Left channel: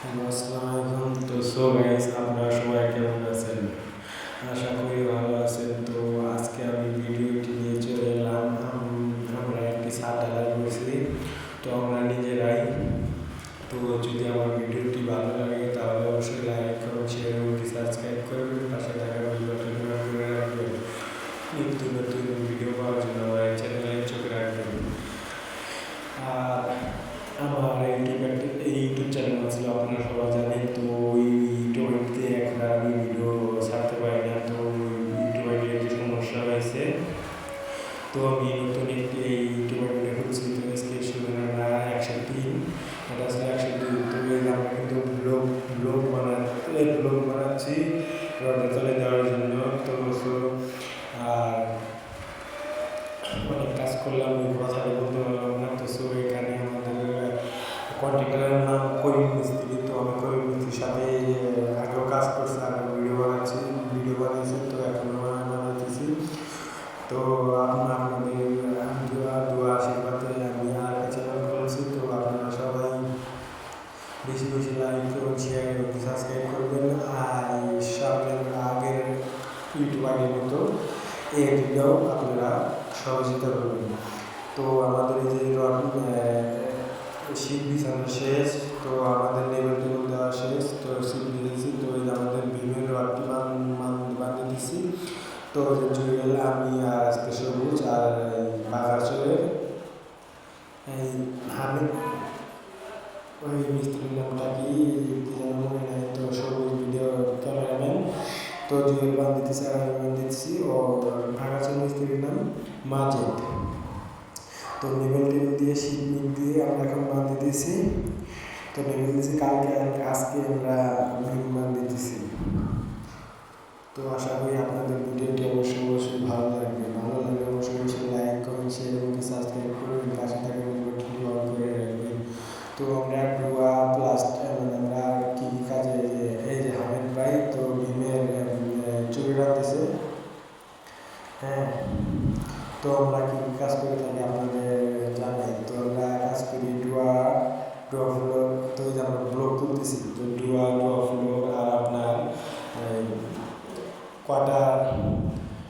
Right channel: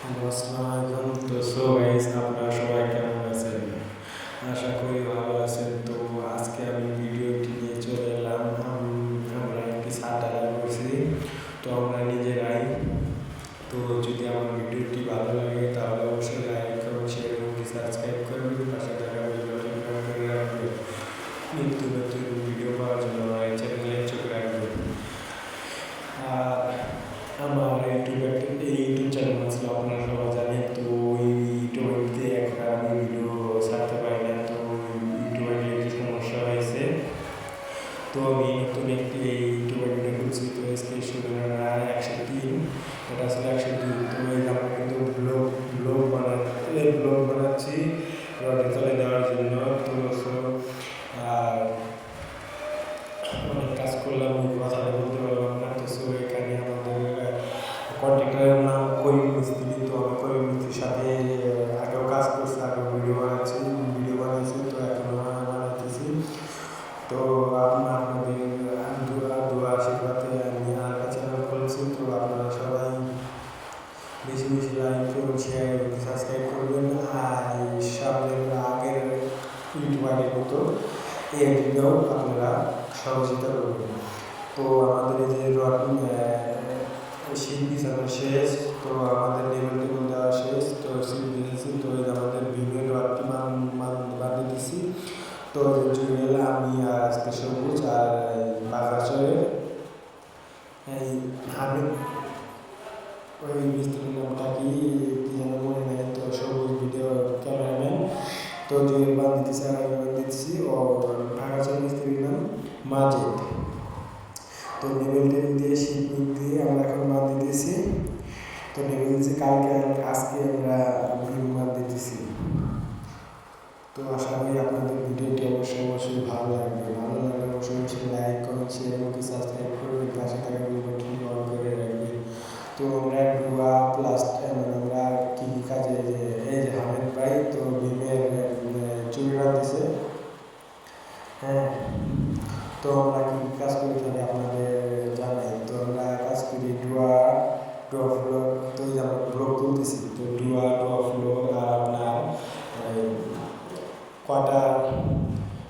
Hello, আসসালামু আলাইকুম। তো গাইস, আপনারা সবাই কেমন আছেন? আশা করি ভালো আছেন। তো আজকে আমি ভিডিওটি নিয়ে চলে এলাম। আমরা একটি ছাদ ঢালাই করছি, তো আমরা নিজেরাই। তো যদি আমার ভিডিওটি ভালো লাগে তাহলে অবশ্যই লাইক, কমেন্ট, শেয়ার এবং সাবস্ক্রাইব করবেন। পাশে থাকা বেল বাটন অন করে রাখবেন। নিত্য নতুন ভিডিও পাওয়ার জন্য আমার এই চ্যানেলে চোখ রাখবেন। আর আমার ইউটিউব চ্যানেল ছিল, আপনারা সবাই জানেন। তো ওই ইউটিউবে এখন আমি ভিডিও ছাড়তে পারি না। তো ইউটিউব আইডির যে সমস্যা হয়েছে, তো আমি নতুন একটি এই ইউটিউব আইডিটা খুলছি। তো আজকে শুধুমাত্র 103, এটা আসলে 102। তো এই যে আমরা কিন্তু ব্লগ বানাচ্ছি রডের তলে দেওয়ার জন্য। তো আর অনেক কাজ করলাম, ওই কথাটা বলতে পারলাম না। তো এখানে আমাদের কন্ট্রাক্টরের নাম করিম মিস্ত্রি। তো আমি করিম মিস্ত্রির সাথে আগেও কাজ করছি, আগেও ভিডিও বানিয়েছি, তো এখনও বানাইতেছি। তো আপনাদের দোয়া আশীর্বাদে আমি আর একটা চ্যানেল খুলছি। তো আপনারা সবাই বেশি বেশি লাইক করুন, শেয়ার এবং সাবস্ক্রাইব করবেন। আর সামনের আগের ইউটিউব আইডির মতো এই আইডিটাও আপনারা সহযোগিতা করবেন। তো আমাদের এই যে শীত বিছানো শেষ, তো আমাদের টেবিল দেওয়া শেষ, তো শীত বিছেছি। তো এই যে আমাদের বিমের রডটি বাঁধে দিছি। তো যে জুয়েল, আমি আর আজকে সবুজ আর এই বাগাচরের এই হামিদ, ওই মিস্ত্রির নামটা কি যেন মনে নাই। তো সবুজ ভিডিও ক্যামেরাম্যান। তো জুয়েল বাঁধ দিতেছি আর আমি বাঁধ দিতেছি। ও ভাগাচর মিস্ত্রির নাম মাজেদ। তো টেবিল দিয়ে শীত দিয়ে আমরা এখন বাঁধ দিতেছি। তো টেবিল দিয়েছি আজকে আমরা বিম বাঁধ দিতেছি। তো আশা করি আপনাদের ভিডিওটি অবশ্যই ভালো লাগবে। ভালো লাগলে অবশ্যই লাইক, কমেন্ট, শেয়ার এবং সাবস্ক্রাইব করবেন। পাশে থাকা বেল বাটনটি অন করে রাখবেন। তো আমরা ডুয়া আমরা কী কাজে এই যে হামিদ ভাই তো বিমের চুরি রাখতেছে। হ্যাঁ, তো আমরা কী কাজ করে থাকি আপনাদের জানাই। তো আমরা কাজ করি ডুয়া ফ্লোর। তো এই যে আমরা ব্লক তুলতেছি, তো ডুয়া ফ্লোর আর আপনার কোয়ার্টার,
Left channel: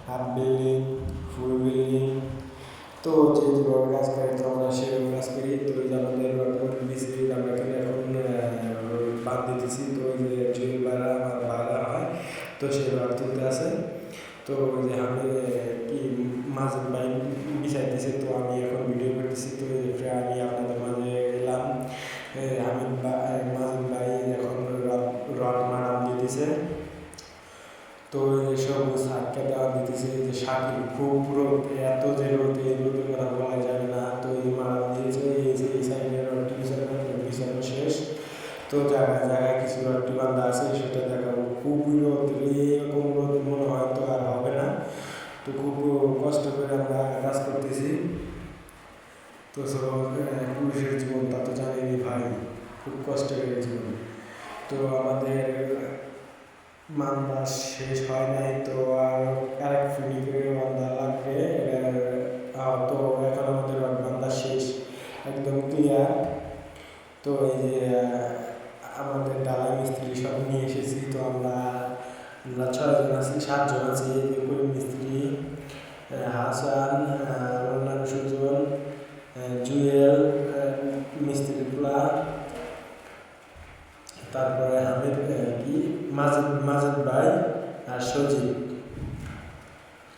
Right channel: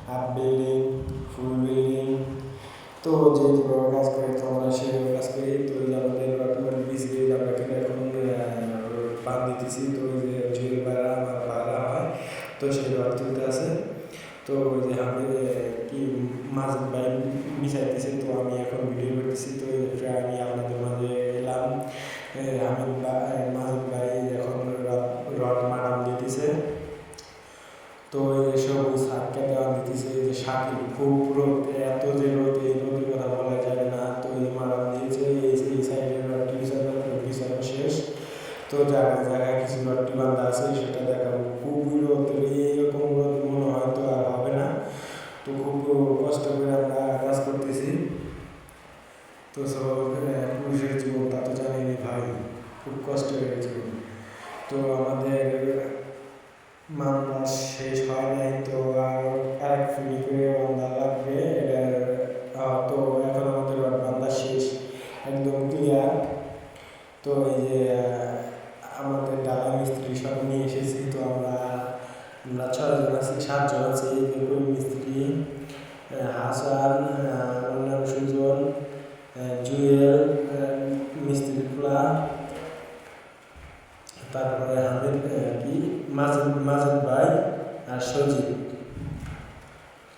হাফ বিল্ডিং, ফুল বিল্ডিং। তো যেভাবে কাজ করি, তো আমরা সেভাবে কাজ করি। তো এই যে আমাদের বিসি আমরা এখন বাঁধ দিতেছি। তো ওই যে জুয়েল আমার ভাড়া হয়, তো সেই রড তুলতে আছে। তো ওই যে আমি কি মাঝে বাইক বিছাইতেছে, তো আমি এখন ভিডিও করতেছি। তো এই যে আমি আপনাদের মাঝে এলাম। মাজেদ ভাই এখন রড মারাম দিতেছে। তো এই যে সবুজ হাটকা দেওয়া দিতেছে। এই যে শাকিল, খুব রোদ, এত যে রোদ, এই রোদের কথা বলা যাবে না। তো এই যে মারাম দিয়েছে, এই যে এই সাইডের রডটি বিছানো শেষ। তো জায়গায় কিছু রডটি বান্ধা আছে, সেটা দেখাবো। খুবই রোদ, এইরকম রোদ মনে হয় তো আর হবে না। তো খুব কষ্ট করে আমরা কাজ করতেছি। তো পুরুষের জীবন তা তো জানেনি ভাই, খুব কষ্টের জীবন। তো আমাদের বান্ধা শেষ হয় নাই, তো আরেক ফিনি করে বান্ধা লাগবে। তো এখন আমাদের বান্ধা শেষ, একদম ক্লিয়ার। তো এই যে আমাদের ডালা মিস্ত্রি সব নিয়ে এসেছি। তো আমরা 6জন আছি, 7জন আছি। এই যে করিম মিস্ত্রি, হাসান, অন্যান্য সুজন, জুয়েল মিস্ত্রি পোলা, তারপরে হামিদ কি মাজেদ ভাই আর সজীব।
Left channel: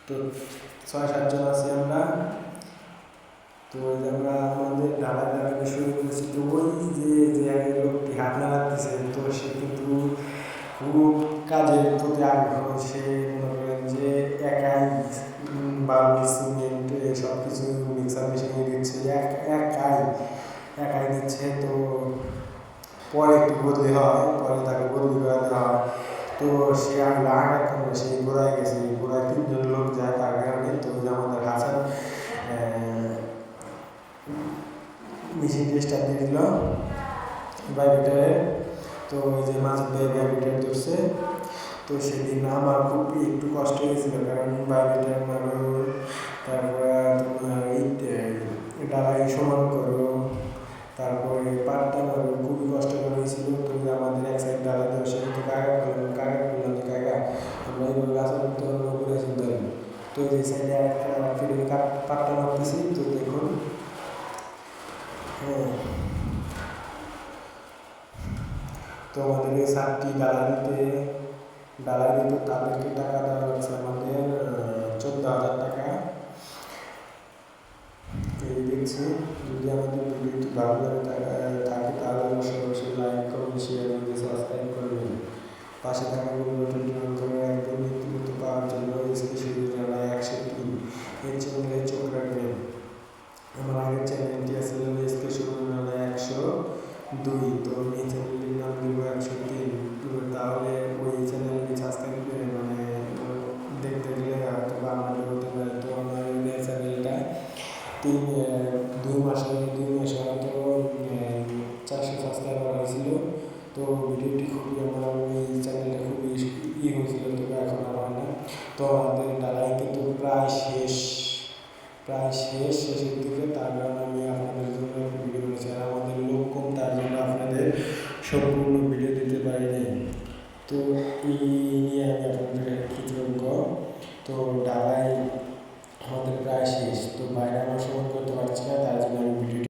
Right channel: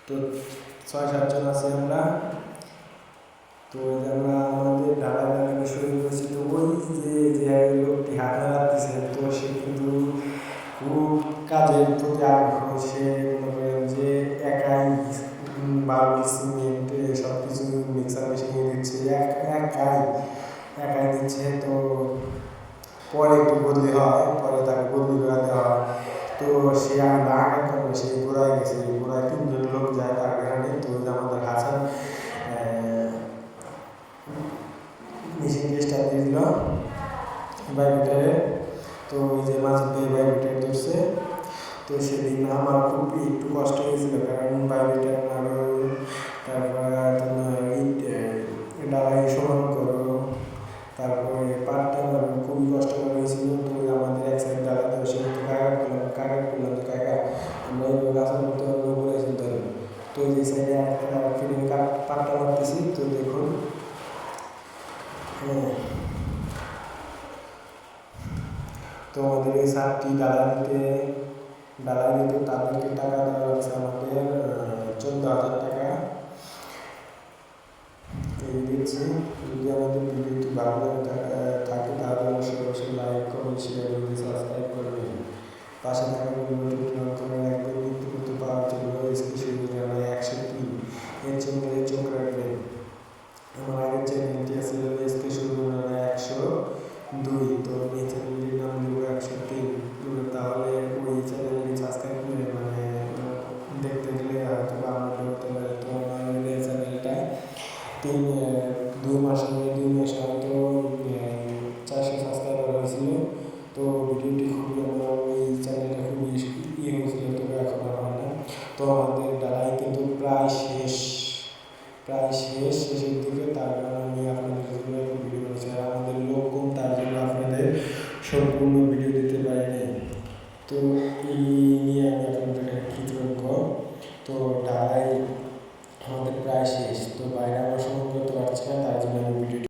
তো 6-7জন আছি আমরা। তো ওই যে আমরা আমাদের ঢালাই দেখানো শুরু করেছি। তো ওই যে লোকটি হাত নাড়াতেছে, তো সে কিন্তু খুব কাজের প্রতি আগ্রহ। সে মনে করেন যে একাই বালু, সিমেন্ট সব কিছু মিক্সার মেশিনে দিচ্ছে, একাই দিচ্ছে। তো পরে একটু বদলি হয়, পরে তাকে বদলি করে দেওয়া হয়। তো সে আগার সে গোড়ায় গেছে, গোড়ায় 3জন লোক যায় তার কারণে। তো ওই যে আমাদের হাসান মেশিনটি স্টার্ট দিয়ে দিল ভাইব্রেটারের। তো ওই যে মাজেদ ভাই ভাইব্রেটার ধরছে। তো সেদিন আমার খুব একটু কষ্ট হয়েছিল, কারণ ভাইব্রেটার মারো, তারপরে তোমার ডালাই সমান করো, তারপরে পাটটা মারো, খুবই কষ্টকর হয়েছিল। তো আমার তো এই সাইডে একটা ফিটিং পাট্টা মারতেছি, তো দেখুন। হ্যাঁ, তো আমাদের এই ছাদটি ডালাই দিতে তাদেরকে টাকা দেওয়া লাগছে আমাদের 14,000 টাকা। এই দিচ্ছি। যদি আমাদের ভিডিওটি ভালো লাগে থাকে তাহলে অবশ্যই লাইক, কমেন্ট, শেয়ার এবং সাবস্ক্রাইব করবেন। পাশে থাকা বেল বাটনটি অন করে রাখবেন নিত্য নতুন পাওয়ার জন্য। এসকে সুযোগ জানায় 103 এর চ্যানেলে চোখ রাখবেন। আমার আগের চ্যানেলটি আসলে এসকে সুযোগ জানায় 102, তো আমি এই চ্যানেলটির নাম দিব 103। তাহলে ওই চ্যানেলটি সাবস্ক্রাইব করে দেখতে গেলে হয়তো বা আমার হতে পারে। তো আমার ওই চ্যানেলটা 2 মাসে হয়তো 400 সাবস্ক্রাইবার হয়েছিল। তো ভিডিওটি খুবই আমার ওই চ্যানেলটা খুবই হয়েছিল, তবে এখন আর হয় না। তো আমাদের ডালাই কিন্তু প্রায় শেষের দিকে, তার কারণে আমি আপনাদের জন্য একটু ভিডিও বানিয়েছি। আর আমাদের লোক কম, তার জন্য আপনাদের সম্পূর্ণ ভিডিও দিতে পারিনি। তো এই নিয়ে আমি আপনাদের কাছে কৃতজ্ঞ। তো ডালাই আমাদের প্রায় শেষ, তো বাইরে আমরা সময় করতে পারছি না, তার জন্য আমি ভিডিওটি